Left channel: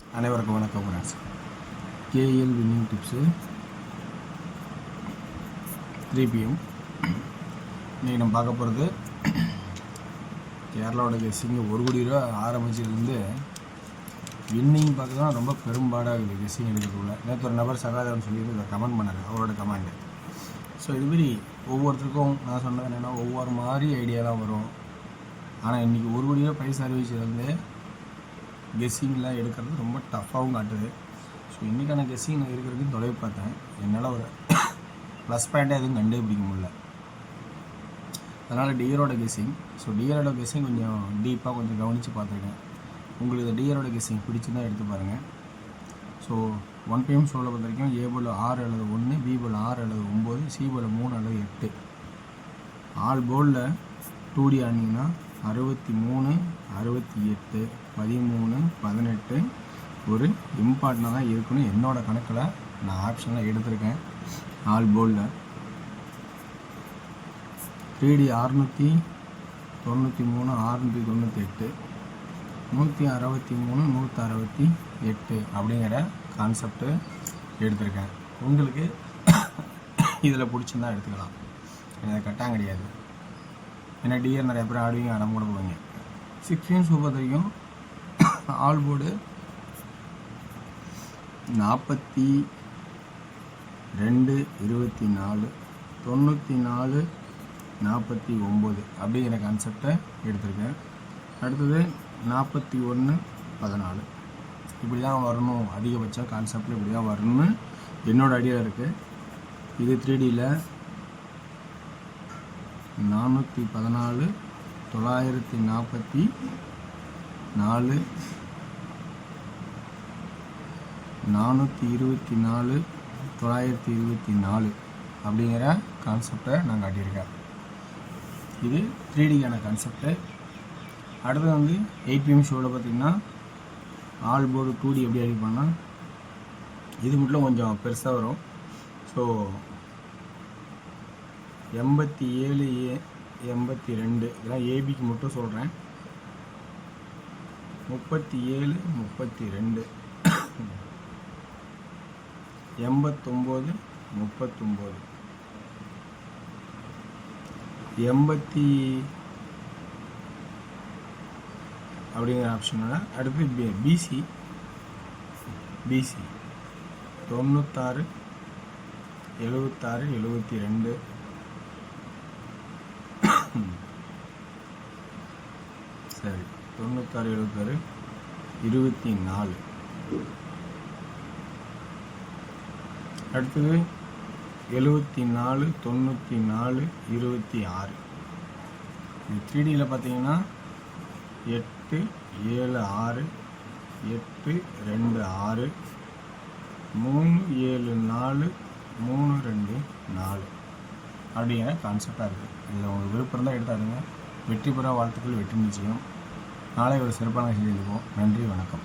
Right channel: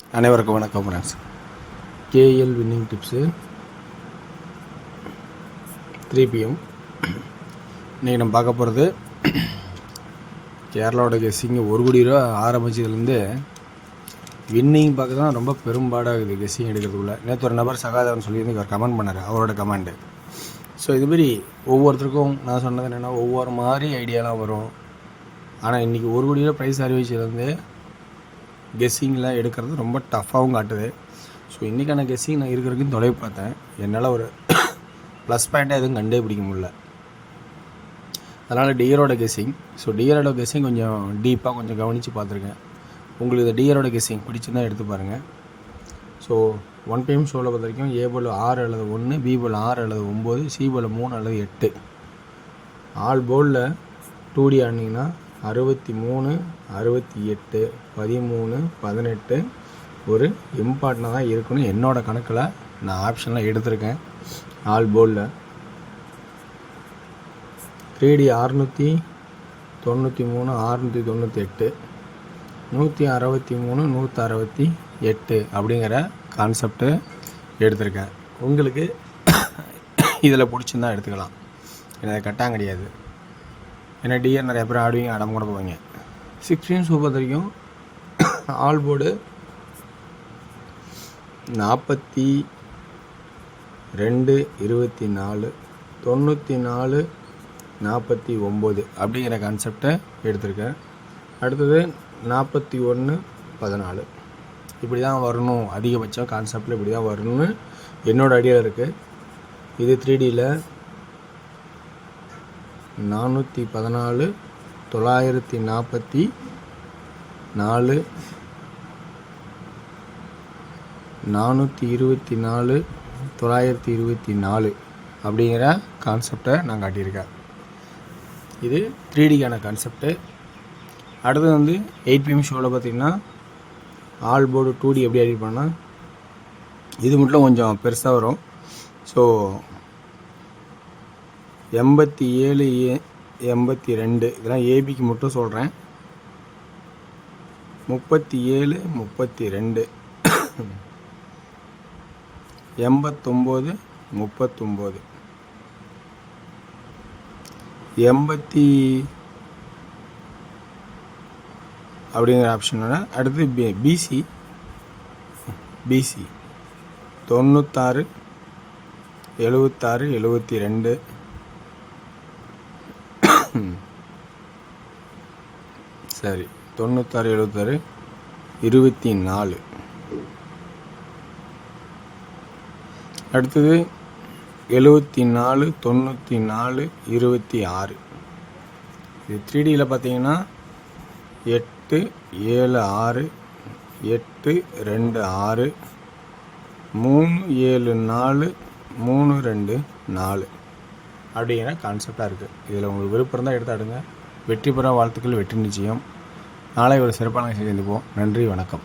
அனைவருக்கும் வணக்கம் friends. KL winning tips 3 PM. இன்றைக்கி நம்ம பார்க்க போகிறது கேரளாவோட கெஸ்ஸிங்கு 1 கோடி ரூபா ஆரம்பிச்சதுலேருந்து வின்னிங் பார்க்க தான் ரொம்ப பெரும்பாடாகுது கெஸ்ஸிங் எடுக்கிறதுக்குள்ள. நேற்று ஒரு நபர் சகாதவன் சொல்லி இவர் கமெண்ட் பண்ணார், அவரோட கமெண்டு. ஸோ இதுமாரி ஒவ்வொருத்தருக்கும் நான் சொன்னது என்னென்னா ஒவ்வொரு மாதிரி ஐடியாலாம் வரும். ஆனால் இன்றைக்கி 1 கோடி ரூபா ப்ரைஸ் அறிவிச்சதுலேருந்து கெஸ்ஸிங்கில் எடுக்கிறது ரொம்ப டஃப்பாகவும் காட்டுது. ஸோ இன்றைக்கான கெஸ்ஸிங் நான் இருக்கிறதுக்கும் தொலைவு பார்த்தேன். என்னால் ஒரு ப்ளஸ் பாயிண்ட்டாக எதுவும் கண்டே பிடிக்க முடியல. அதனால் டியரோட கெஸ்ஸிங். ஸோ டியரோட கெஸ்ஸிங் கொஞ்சம் டீப்பாக கொஞ்சம் கவனித்து பார்த்துருக்கேன். உங்களுக்கு இந்த டியரோட கெஸ்ஸிங் பிடிச்சிருந்தா எடுத்து பாருங்கள். ஸோ 1 PM ஷோவில் பொறுத்த வரைக்கும் ஏ போல் 6 அல்லது 1, பி போல் 6 அல்லது 9, சி போல் 3 அல்லது 8. ஆல் போலில் 2D ஆனிங்கன்னா 63, 68, 13, 18 ஒரு இம்பார்ட்டனாக தான் இருக்குன்னு என்னோடய கணக்கில் நான் ஆப்ஷனில் எடுத்திருக்கேன். ஆல் போலில் 3D 693, 698, 163, 168 அப்படிங்கிற கான்செப்ட்டு எடுத்திருக்கேன். உங்களுக்கு இதில் பிடிச்சிருந்தா எடுத்துக்கலாம். எனக்கு கட்டாயம் கிடையாது. ஏன்னா டிஆர் நிறைய பேர் ஆடுவீங்க, அடம் கூட போவீங்க. 6 PM பொறுத்த வரைக்கும் ஆல் போர்டு 42, 24, 94, 49 அப்படிங்கிற கான்செப்டை எடுத்திருக்கேன். அடுத்தது 41, 14 இப்படி தான் வரணும். அதிகபட்சம் கான்செப்டில் இப்படி தான் வரணும்னு என்னோடய ஐடியாவில் இருக்குது. இது 3Dயில் 414, 944, 424, 924 அப்படிங்கிற கான்செப்டை நான் காட்டியிருக்கேன். இது 3Dக்கான கான்செப்டு. அடுத்து வந்து 8 PM ஷோவில் பார்த்திங்கன்னா ஆல் போர்டு 2D எப்படி எடிட் பண்ணால் இது மட்டும் கொஞ்சம் பெருசாக வரும். ஸோ 87, 82 இதெல்லாம் ஏபிக்கு மட்டும் சொல்கிறேன். 37, 32, 89, 39, 80 அப்படிங்கிற ஆப்ஷனோட அடுத்து பிசி 96, 76, 72, சரி 96, 76, 24. அடுத்தது 74, 94, 26. இது 3Dயில் பார்த்தீங்கன்னா 8, 7, 6, 8, 2, 6, 3, 7, 4, 3, 2, 4 அப்படிங்கிற கான்செப்டாக இருக்குது. இதில் உங்களுக்கு விருப்பம் இருந்தால் எடுத்து ஆடுங்க. வெற்றி பெற வாழ்த்துக்கள், வெற்றி நிச்சயம். நாளை ஒரு சிறப்பான செய்தி சந்திப்போம். நன்றி, வணக்கம்.